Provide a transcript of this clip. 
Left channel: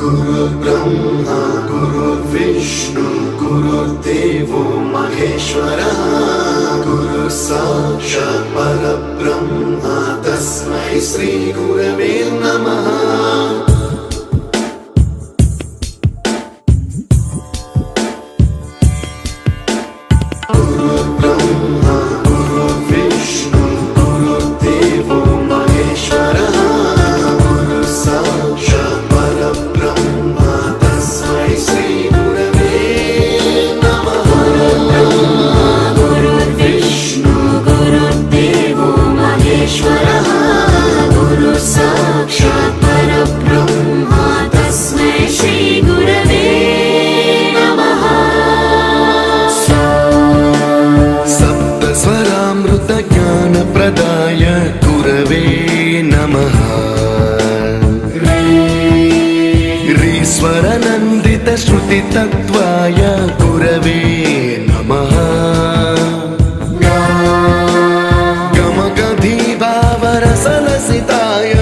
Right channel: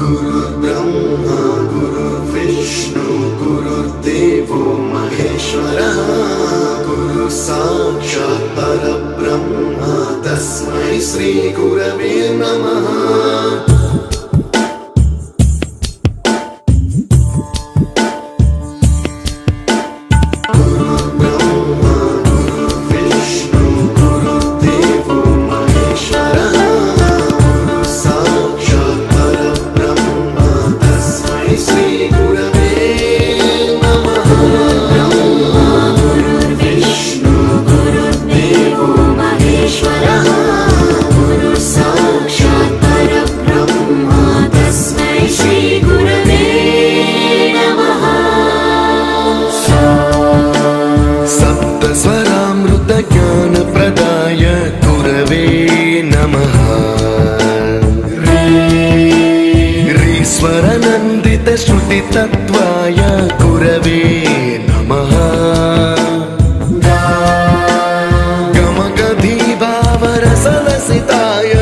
गुरुर्ब्रह्मा गुरुर्विष्णु गुरुर्देवो महेश्वरः गुरु साक्षात् परब्रह्म तस्मै श्री गुरवे नमः। स्वरामृत ज्ञान प्रदाय गुरवे नमः। ऋस्वर नंदित श्रुति तत्वाय गुरवे नमः। गमगधी भावरसलसिताय